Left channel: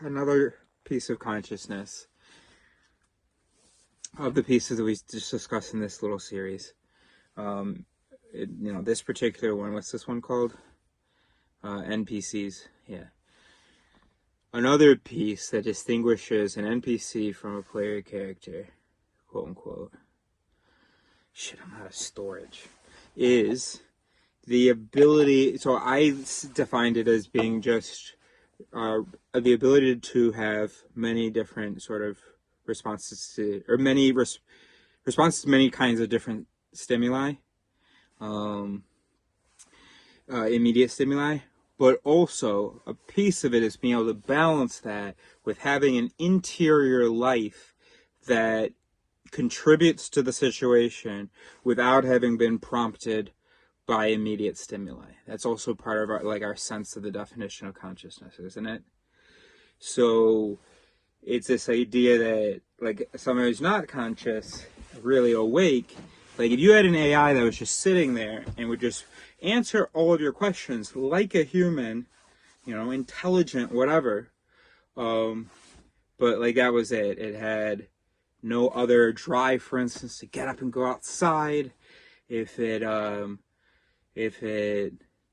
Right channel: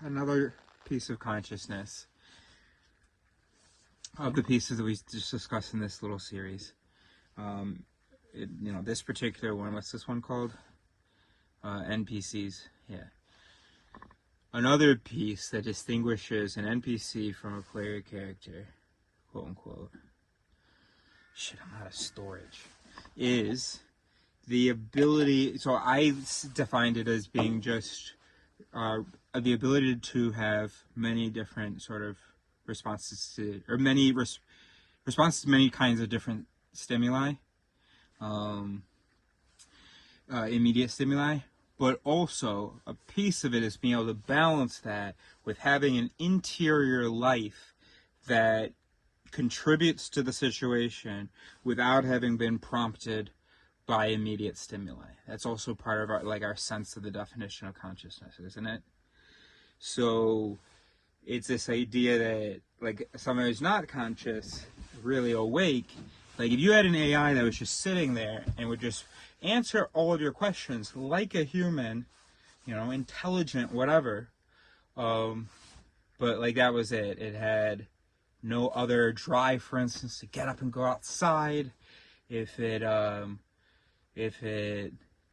Another piece of consciousness of the pieces that we just discussed in this little series. This particular one, what's this one called? NPCs, yeah. Another piece that distinguishes an NPC from a player character, quote unquote, shit, I'm out of storage, is the ability, so I defined it as being just the ability to have many different sort of responses to, or many responses to many kinds of different stimuli, immediate stimuli, but also a piece of it is being able to balance that with having an interior life that contributes to the situation without having been prompted by immediate stimuli. That's also part of our sense of the definition of consciousness, isn't it? So it's this idea that someone who's not conscious, really awake, if you had an AI that was just sitting there and would just answer all of your questions like a human, intelligent, whatever, but that was it. It had no other drive, for instance, to get up and go outside. If it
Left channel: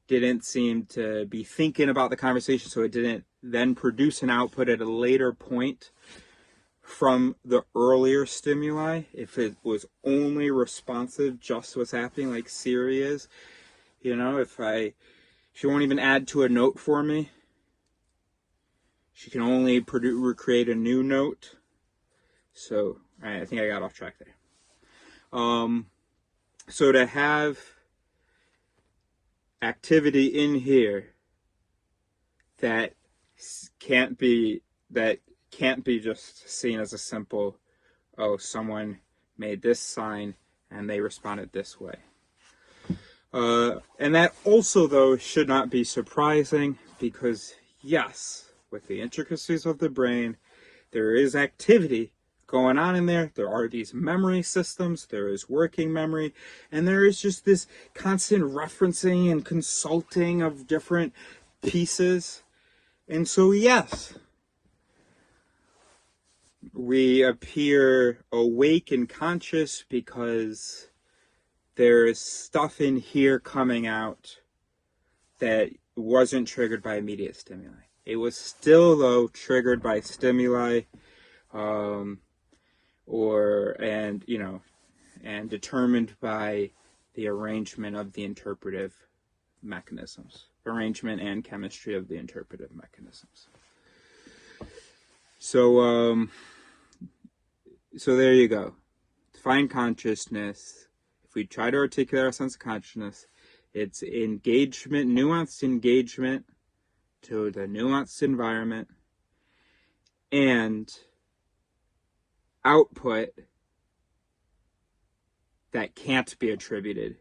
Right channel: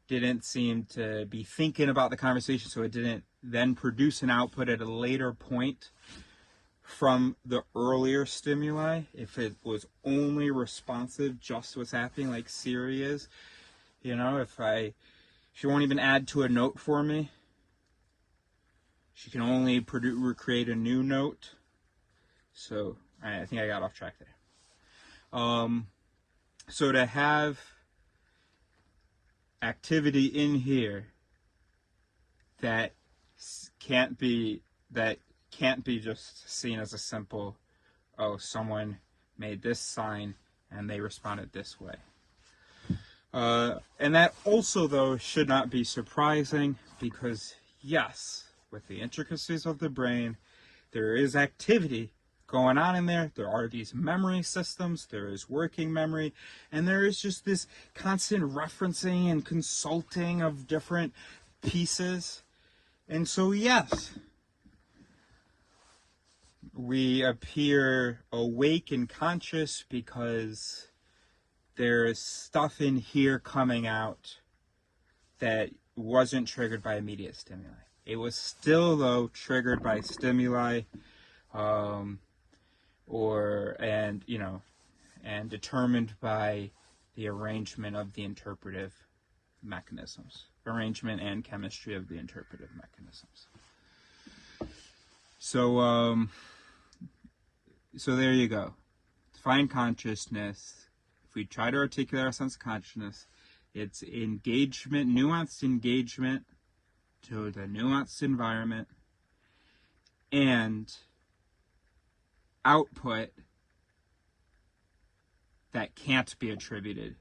didn't seem to be thinking about the conversation, so it didn't then produce an output at a later point from the earlier stimuli, if it was only responsive just to what's happening, like Siri is, she won't even add to a note for me. She can only create a new note. So, I think I got off track there. So to have activity in here that can't be just seen as a simple, oh, someone made this sign and they responded this way. And that also, though, should not be surprising because, yes, with the intricacies of the brain, there is activity going on in there. There are these memory systems, there is working memory, and there is just this constant referencing and consulting of different pieces. And so, yes, we appear awake and conscious because there's stuff in here coming out that wasn't triggered by immediate stimuli. It was still, though, triggered by stimuli, and determined by the arrangement of the interpretive mechanisms, arrangement and chemistry of the interpretive mechanisms. So there you go. Define consciousness. If we try to articulate our sense of consciousness, it's engagement, nuanced engagement to the nuanced environment, and output that can't be attributed.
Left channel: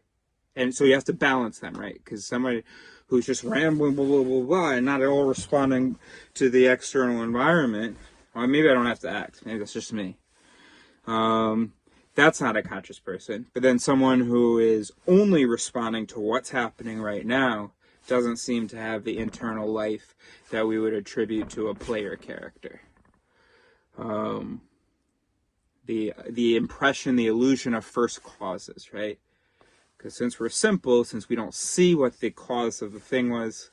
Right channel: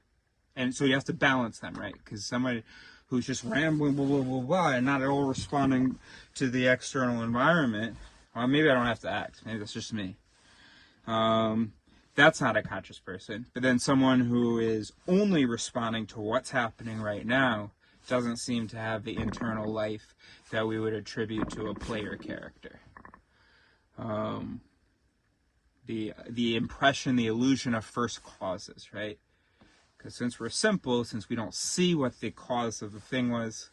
And so you have to balance them, right? Because somebody who's just rambling, blah, blah, blah, blah, and not at all responding to the external environment, well, maybe I don't have to act. Maybe that's just me. That's not a conscious person. But then someone who is only responding to what's happening right now doesn't seem to have the internal life that we would attribute to a player character. The impression, the illusion of first causes, right? Because since we're simple, since we don't see what the cause of the thing was,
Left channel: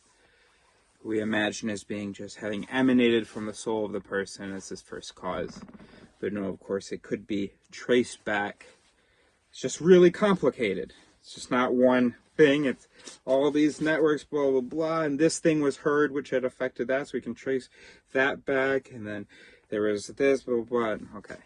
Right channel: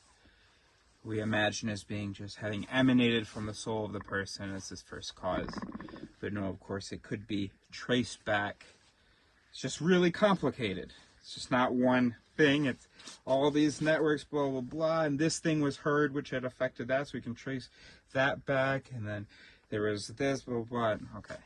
we imagine as being just having emanated from the soul of the person as this first cause. But no, of course, it could be traced back. It's just really complicated. It's just not one thing. It's all these networks, blah, blah, blah, and this thing was heard, which had affected that, so we can trace that back, and then there was this, blah, blah, blah. Okay.